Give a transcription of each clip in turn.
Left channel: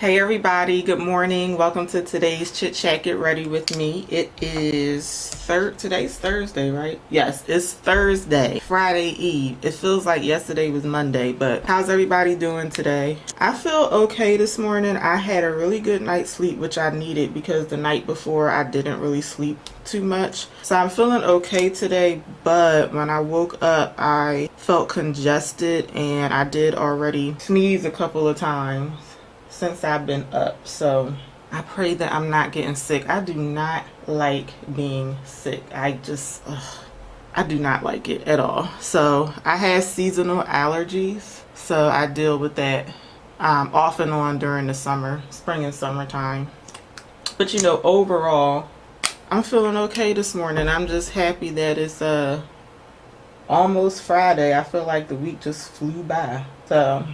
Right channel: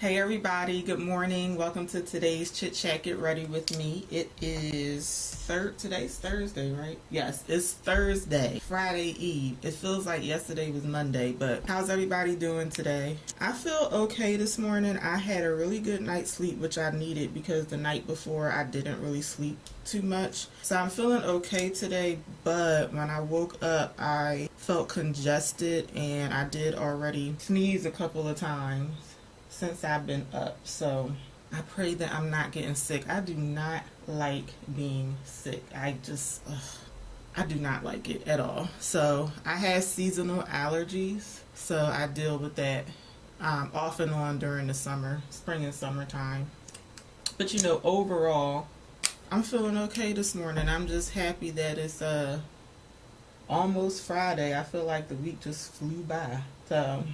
Hey everybody, good morning. Welcome to today's Chit Chat Get Ready with me. It is today's Thursday, right? Yes, it's Thursday, Friday Eve. It feels like yesterday was Monday, but how's everybody doing today? I feel okay this morning. I had a really good night's sleep, which I needed because the night before I didn't really sleep too much. So I'm feeling okay today, but when I woke up, I felt congested and I did already sneeze a couple of times since I've been up. So I pray that I'm not getting sick. I do not like being sick. I do not like it at all. So I have seasonal allergies, so I deal with that off and on during the spring and summertime. But overall, I'm feeling okay this morning. I'm just happy that it's almost Friday. I feel like the week just flew by. So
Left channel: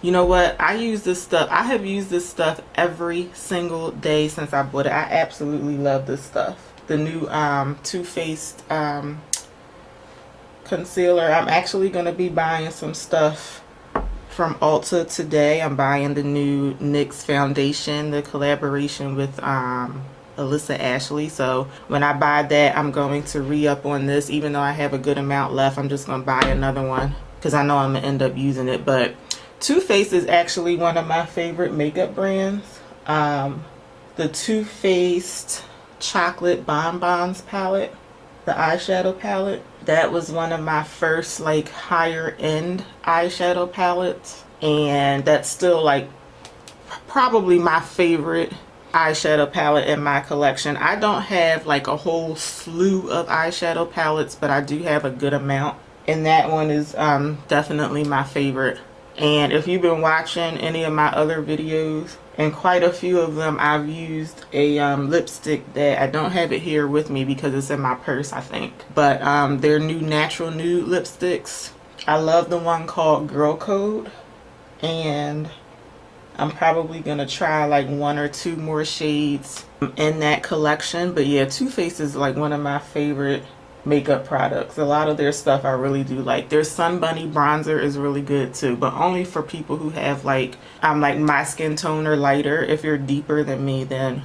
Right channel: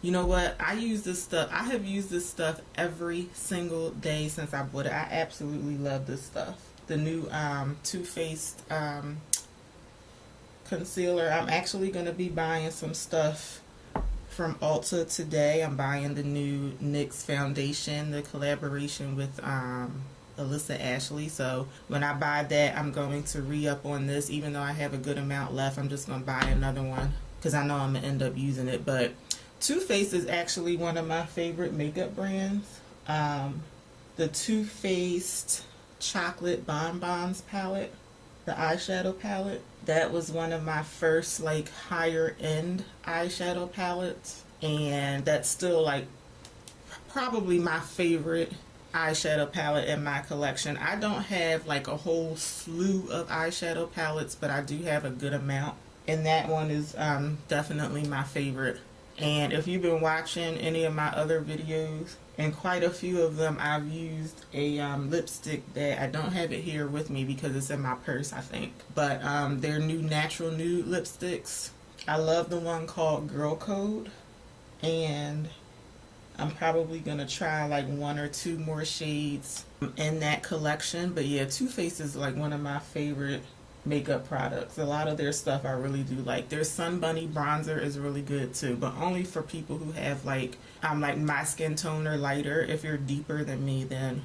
you know what? I use this stuff. I have used this stuff every single day since I bought it. I absolutely love this stuff. The new Too Faced concealer. I'm actually going to be buying some stuff from Ulta today. I'm buying the new NYX foundation, the collaboration with Alyssa Ashley. So when I buy that, I'm going to re-up on this. Even though I have a good amount left, I'm just going to buy another one because I know I'm going to end up using it. But Too Faced is actually one of my favorite makeup brands. The Too Faced Chocolate Bonbons palette, the eyeshadow palette, that was one of my first like higher end eyeshadow palettes, and that's still like probably my favorite eyeshadow palette in my collection. I don't have like a whole slew of eyeshadow palettes, but I do have a good amount, and that one is definitely my favorite. And if you've been watching any of my other videos, and quite a few of them, I've used a lipstick that I don't have it here with me because it's in my purse, I think. But they're new natural nude lipsticks. I love the one called Girl Code. And I'm probably going to try like one or two more shades in that collection. But yeah, Too Faced is like one of my favorite makeup products. A lot of their stuff I really do like. Their Sun Bunny bronzer is really good too, but only for people who have like my skin tone or lighter. If you're deeper than me, then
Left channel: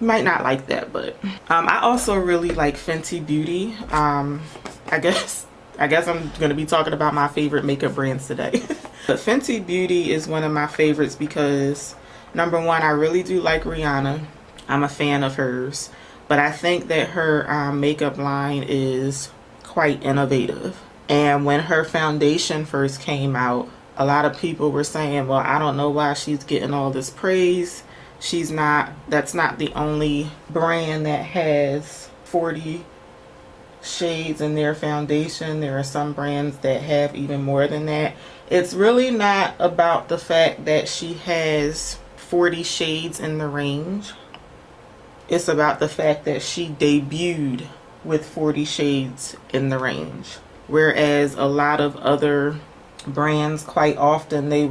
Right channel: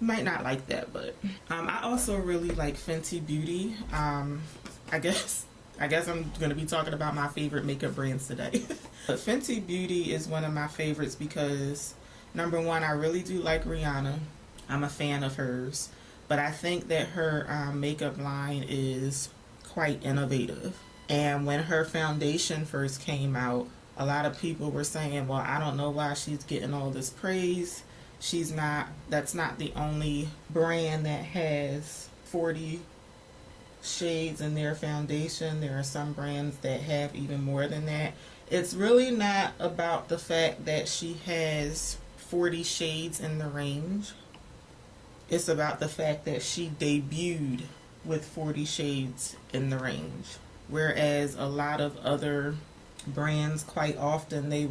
you might not like that. But I also really like Fenty Beauty. I guess I'm going to be talking about my favorite makeup brands today. But Fenty Beauty is one of my favorites because number one, I really do like Rihanna. I'm a fan of hers. But I think that her makeup line is quite innovative. And when her foundation first came out, a lot of people were saying, well, I don't know why she's getting all this praise. That's not the only brand that has 40 shades in their foundation. There are some brands that have even more than that. It's really not about the fact that she has 40 shades in the range. It's about the fact that she debuted with 40 shades in the range. Whereas a lot of other brands, quite often, they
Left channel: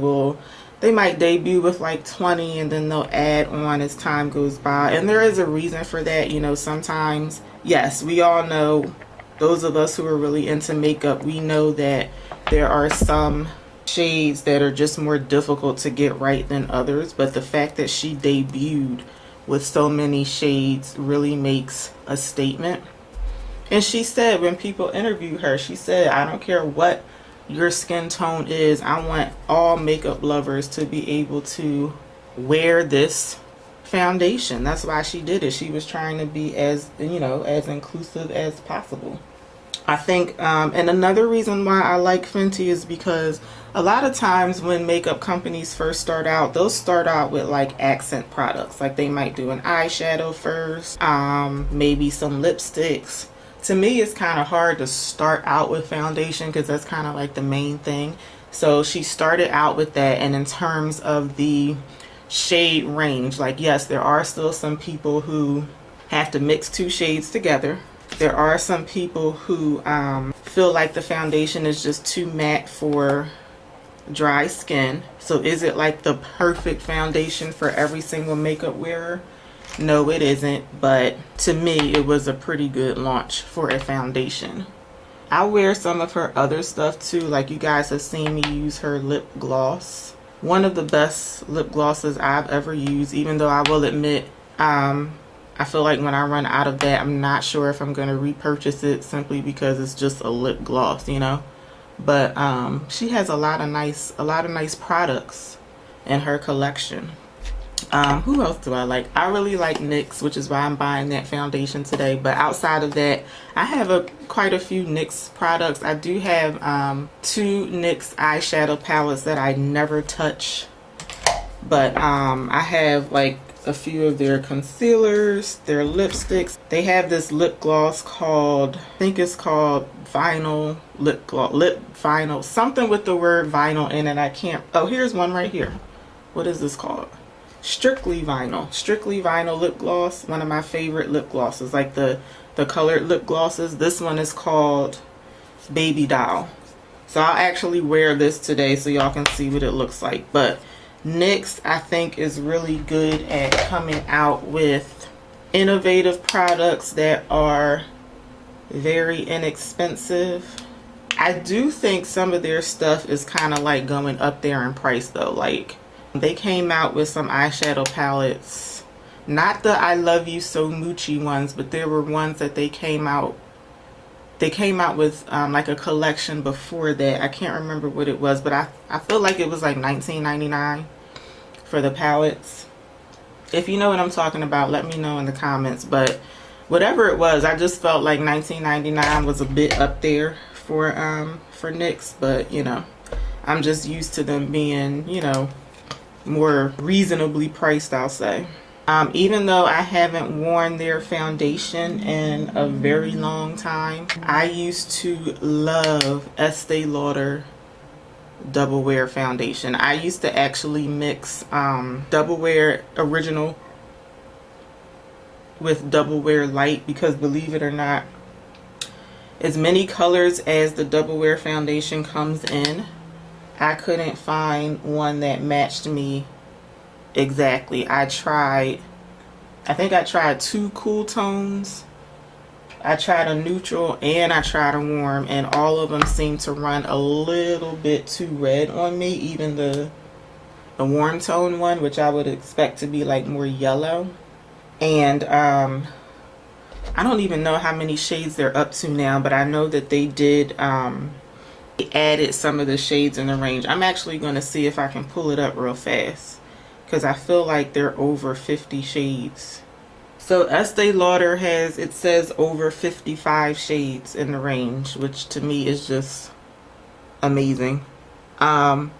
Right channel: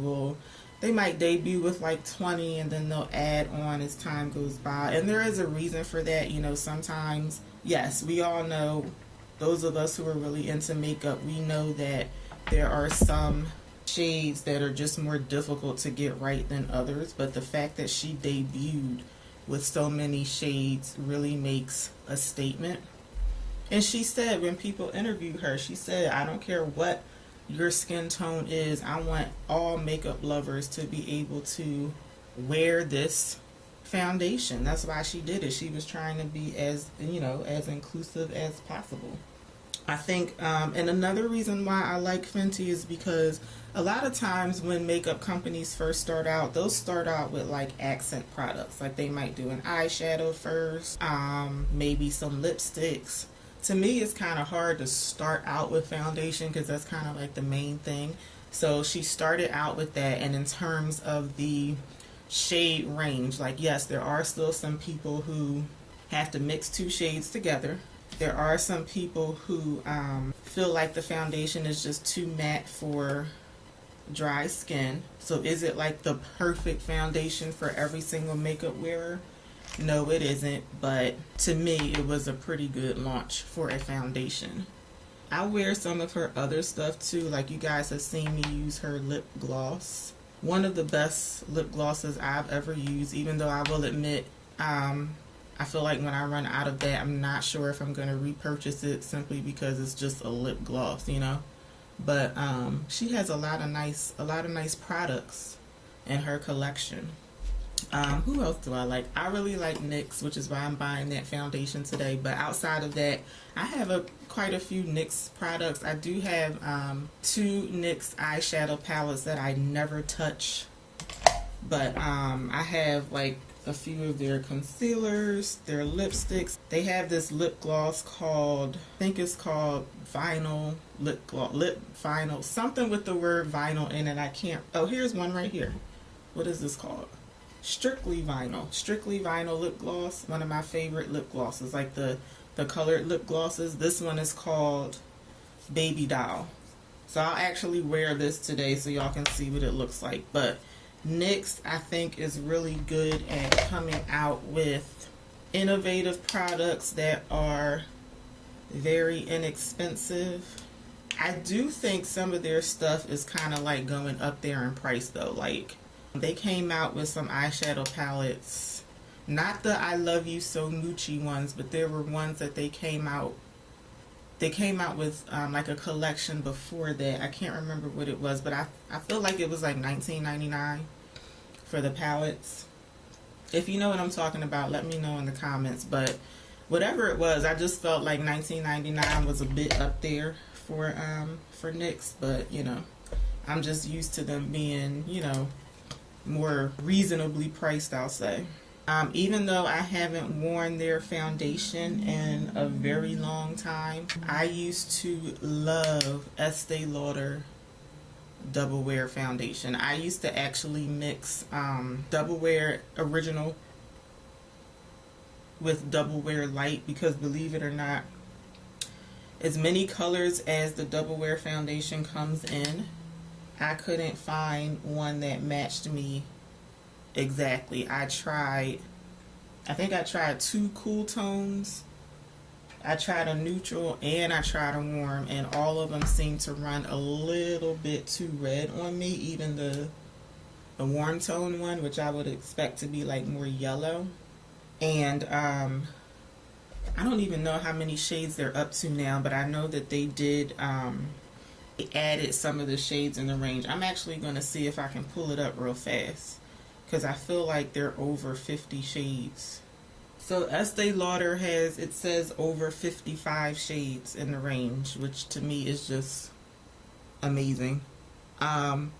might debut with like 20 and then they'll add on as time goes by. And there is a reason for that. Sometimes, yes, we all know, those of us who are really into makeup, we know that there are some shades that are just more difficult to get right than others. But the fact that she debuted with so many shades really makes a statement. And she said, when people interview her, she said, I don't care what your skin tone is, I want all makeup lovers to be able to wear this foundation. That's why she did it. She was trying to be as inclusive as possible. I think, and another reason why I like Fenty is because a lot of times when makeup companies first start out, they'll start out with like accent products. Like they might do an eyeshadow first, maybe some lipsticks. To me, it's kind of hard to start out with foundation because that's kind of like the main thing. So she started out with that, and in terms of the shade range, like yes, there are still some people who have to mix two shades together. There are some people who feel like the foundation is just too matte for dry skin. So is it like the perfect foundation for every single makeup wearer? No, it isn't. But to me, it was a pretty good launch for a foundation. I wear some of her other stuff too. Like you guys have seen me use her lip gloss. one of the best lip glosses I've ever used, even though I will admit, I feel like when I run out of that, I'm not sure if I'm going to repurchase it simply because it's just a lip gloss, you know. But she has a lot of nice products in her collection. Who else do I like? I really like NYX, which is why I'm buying that foundation today. But outside of that, I have quite a few NYX products. I do have 2 NYX eyeshadow palettes that I never touch. But I have like a few of their concealers, their lipsticks. They have this lip gloss called, I think it's called vinyl lip gloss, lip vinyl, something with the word vinyl in it. I can't, oh, here's one right here. What is this called? Strictly Vinyl lip gloss. One of my favorite lip glosses, like the colored lip glosses. This one is called Baby Doll. So I'll actually wear this today so y'all can see what it looks like. But NYX, I think, is really good at coming out with innovative products that are very inexpensive. I do think some of their stuff is kind of like going up there in price though. Like, they came out with some eyeshadow palettes, not the I Love You So Moochie ones, but there were ones that they came out with like a collection before that. I can't remember what it was, but I feel like it was like $19.99 for the palettes. If you know what I'm talking about, let me know in the comments. But whatever it was, I just felt like $19.99 was a bit up there for NYX. But you know, I'm just used to them being, you know, more reasonably priced, I'll say. Even though I haven't worn their foundation in a very long time, I used to love Estee Lauder Double Wear foundation. I used to actually mix Double Wear Original with Double Wear Light because, believe it or not, as many colors as the Double Wear foundation comes in, I couldn't find one that matched me exactly. I think I tried 2 cool tones. I tried a neutral and I tried a warm, and all of them seemed to run a little bit too red on me. Even the warm tone one, which I would expect to be like more yellow. And I don't even know how many shades they're up to now, but I know that they did added some of the shades in the range. I'm actually going to see if I can pull it up real fast because I feel like they're over 50 shades. So Estee Lauder has, it says over 55 shades in the range, which to me is just amazing. So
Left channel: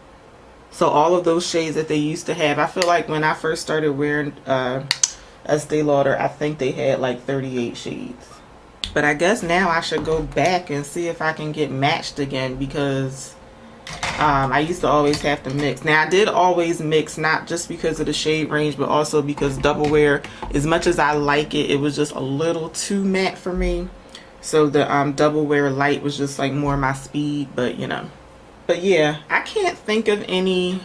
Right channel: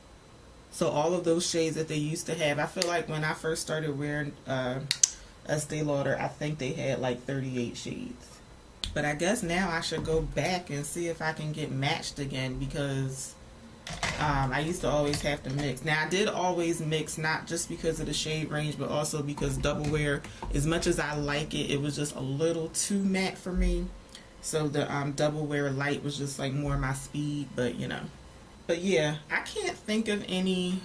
all of those shades that they used to have, I feel like when I first started wearing Estee Lauder, I think they had like 38 shades. But I guess now I should go back and see if I can get matched again because I used to always have to mix. Now I did always mix, not just because of the shade range, but also because Double Wear, as much as I like it, it was just a little too matte for me. So the Double Wear Light was just like more my speed, but you know. But yeah, I can't think of any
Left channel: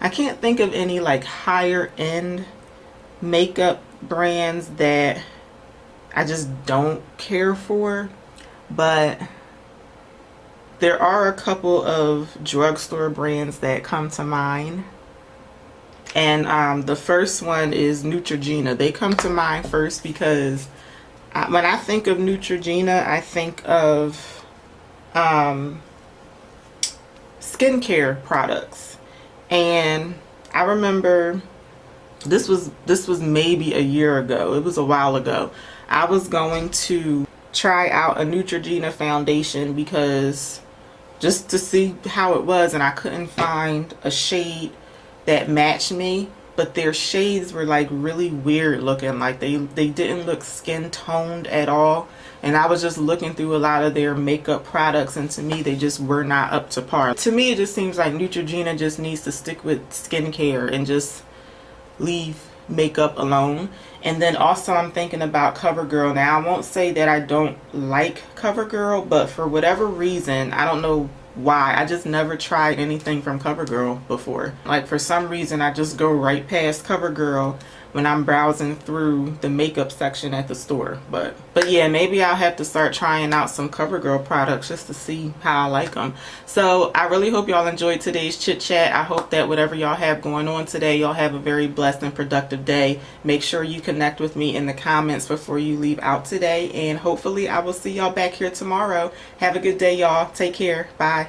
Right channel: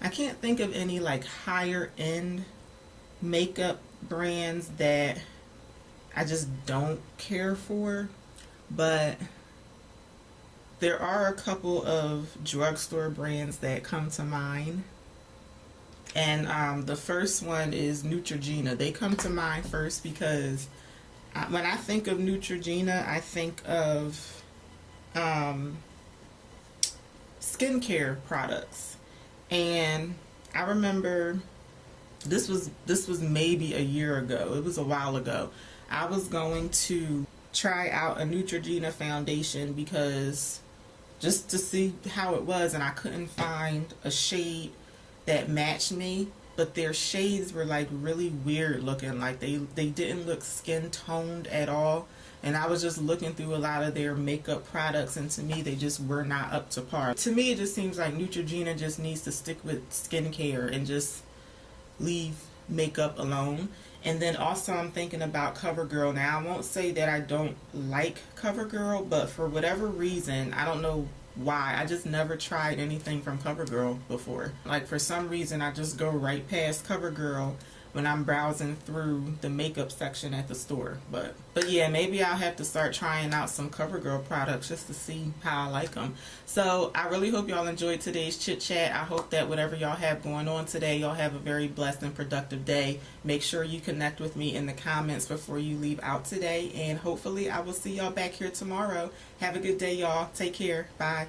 like higher end makeup brands that I just don't care for, but there are a couple of drugstore brands that come to mind. And the first one is Neutrogena. They come to mind first because when I think of Neutrogena, I think of skincare products. And I remember this was maybe a year ago. It was a while ago. I was going to try out a Neutrogena foundation because just to see how it was, and I couldn't find a shade that matched me, but their shades were like really weird looking, like they didn't look skin toned at all. And I was just looking through a lot of their makeup products, and to me they just were not up to par. To me it just seems like Neutrogena just needs to stick with skincare and just leave makeup alone. And then also I'm thinking about CoverGirl. Now I won't say that I don't like CoverGirl, but for whatever reason, I don't know why, I just never tried anything from CoverGirl before. Like for some reason I just go right past CoverGirl when I'm browsing through the makeup section at the store. But yeah, maybe I'll have to start trying out some CoverGirl products just to see how I like them. So I really hope y'all enjoyed today's chit chat. I hope that whatever y'all have going on today, y'all have a very blessed and productive day. Make sure you connect with me in the comments before you leave out today, and hopefully I will see y'all back here tomorrow. Have a good day, y'all. Take care. Bye.